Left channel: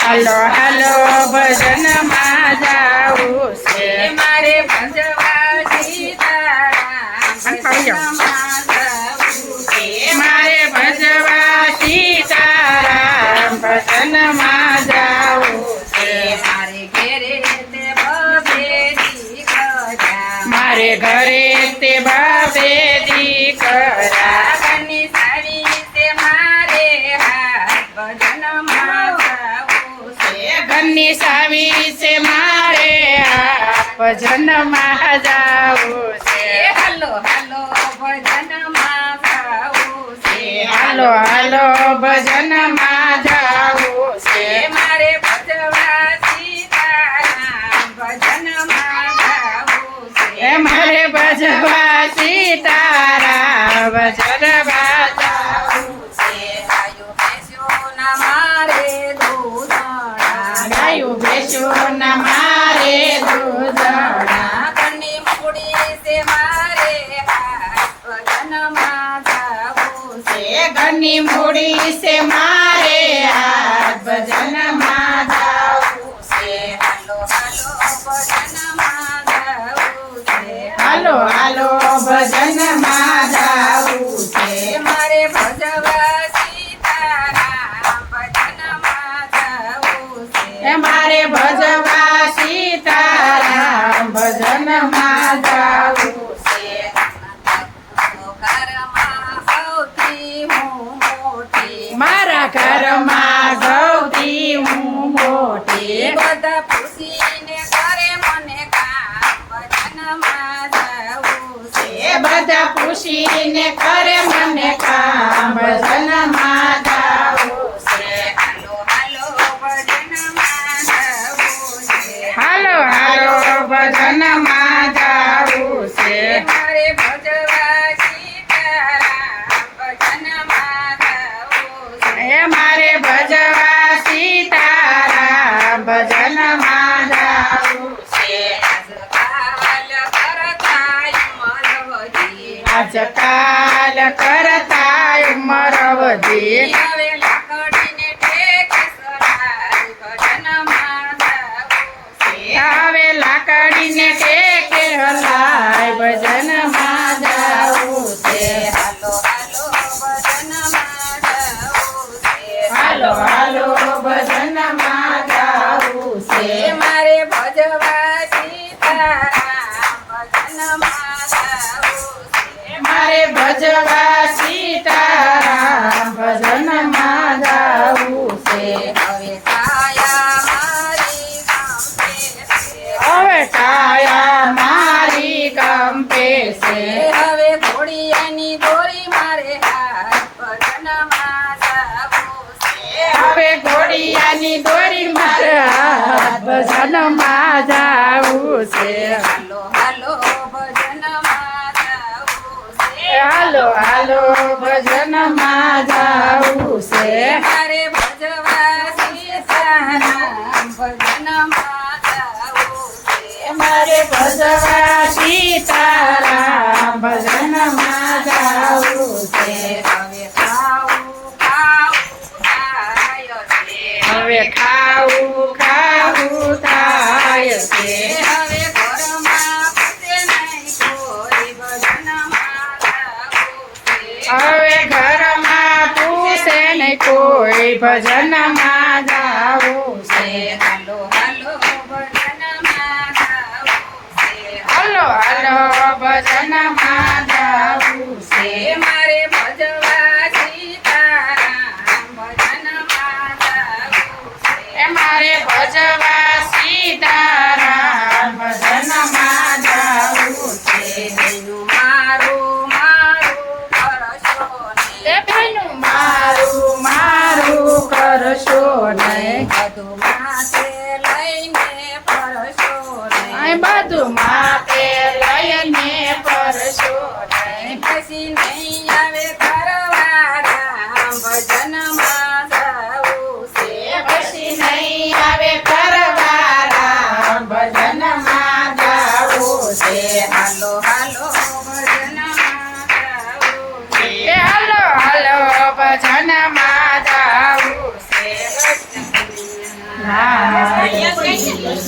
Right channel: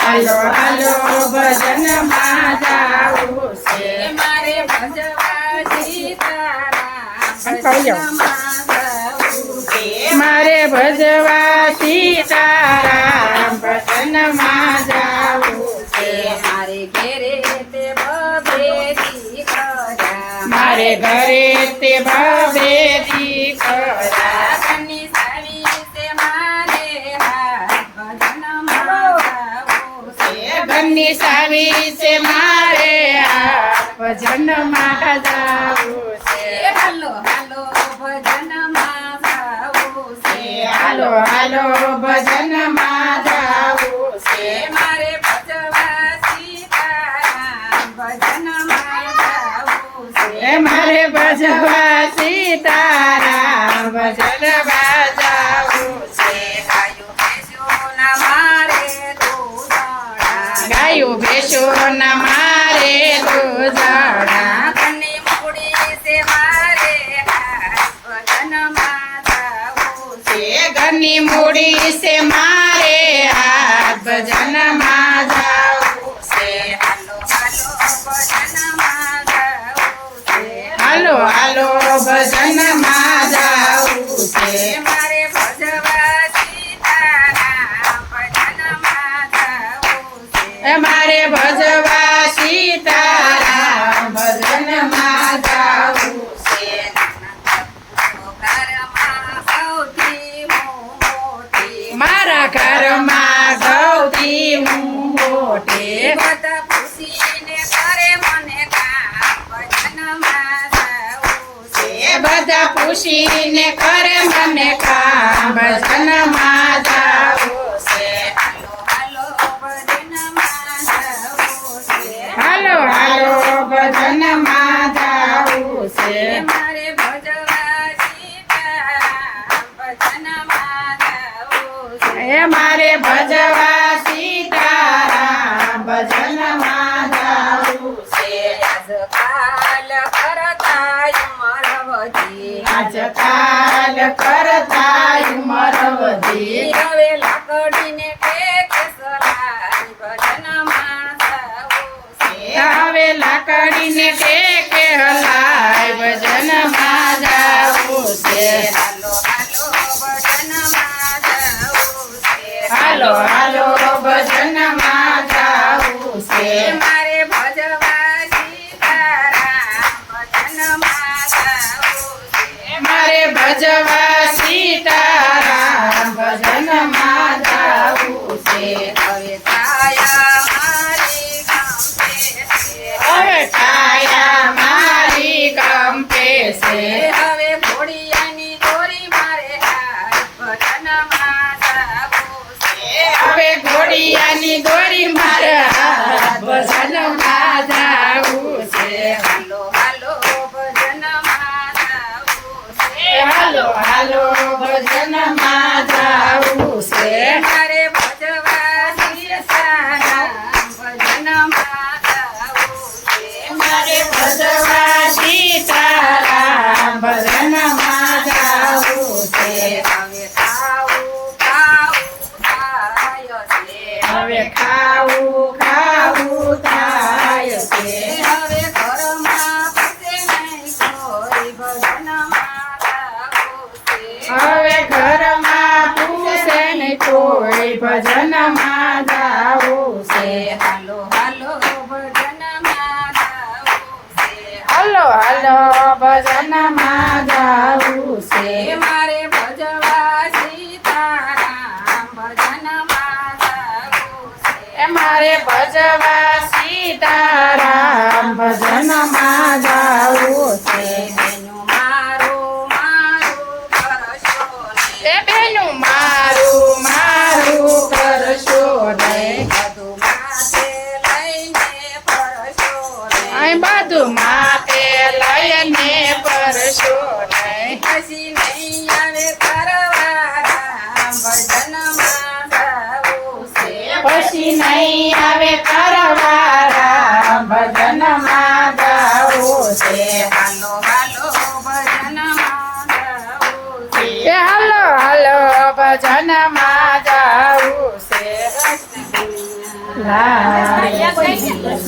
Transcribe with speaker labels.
Speaker 1: ભજનમાં
Speaker 2: હલો ભજનમાં હાલો જાવું છે
Speaker 1: મારે
Speaker 2: મારે ભજવા સીતારામ ભજનમાં જાવું છે.
Speaker 1: મારે ઘરે
Speaker 2: મારે ઘરે તે બાબે દીકરા ઘરની સાવી છે મારે આ ભજનમાં જાવું છે.
Speaker 1: હાલો હાલો ભજનમાં જાવું છે.
Speaker 2: હાલો હાલો ભજનમાં જાવું છે.
Speaker 1: મારે ભજવા ભજન ભજનમાં જાવું છે.
Speaker 2: મારે ભજવા સીતારામ ભજનમાં ભેંસો ના મારે દૂધણા છે ઘરની મૂડી છે મારે હાથ ભજનમાં જાવું છે. હાલો હાલો ભજનમાં જાવું છે.
Speaker 1: મારે ભજવા સીતારામ, ભજનમાં જાવું છે.
Speaker 2: મારા ઘરમાં ગૌરી હું મોટે. બધા પૂછીને કરે મને કામ, ભજનમાં જાવું જાવું. એ મારે ભજવા સીતારામ જાવું છે
Speaker 1: આજકાલ કરતા ઉંમર વધી. હવે લાકડીને ટેકે સરાય ભજનમાં જાવું છે.
Speaker 2: હવે લાકડીને ટેકે હલાય ભજનમાં
Speaker 1: હાલો હાલો ભજનમાં જાવું છે.
Speaker 2: જાવું
Speaker 1: મારે ભજવા સીતારામ
Speaker 2: મારે ભજવા સીતારામ ભજનમાં જાવું છે
Speaker 1: હવે ઘોડિયાની દોરી મારા હાલો ભજનમાં જાવું છે.
Speaker 2: હાલો હાલો ભજનમાં જાવું છે
Speaker 1: મારે ભજવા સીતારામ કોઈ ભજનમાં જાવું છે હાલો હાલો ભજનમાં જાવું છે.
Speaker 2: હલો હલો ભજનમાં જાવું છે
Speaker 1: મારે ભજવા સીતારામ ભજનમાં છે.
Speaker 2: એ મારે ભજવા સીતારામ ભજનમાં જાવું છે એ બેનું મારું મારું કરશો નહીં. અહીં બધું માપે લઈને પરશો નહીં
Speaker 1: પછી નહીં આવે કરવારા ભજનમાં જાવું છે.
Speaker 2: પછી નહીં આવે કરવારા
Speaker 1: લાલ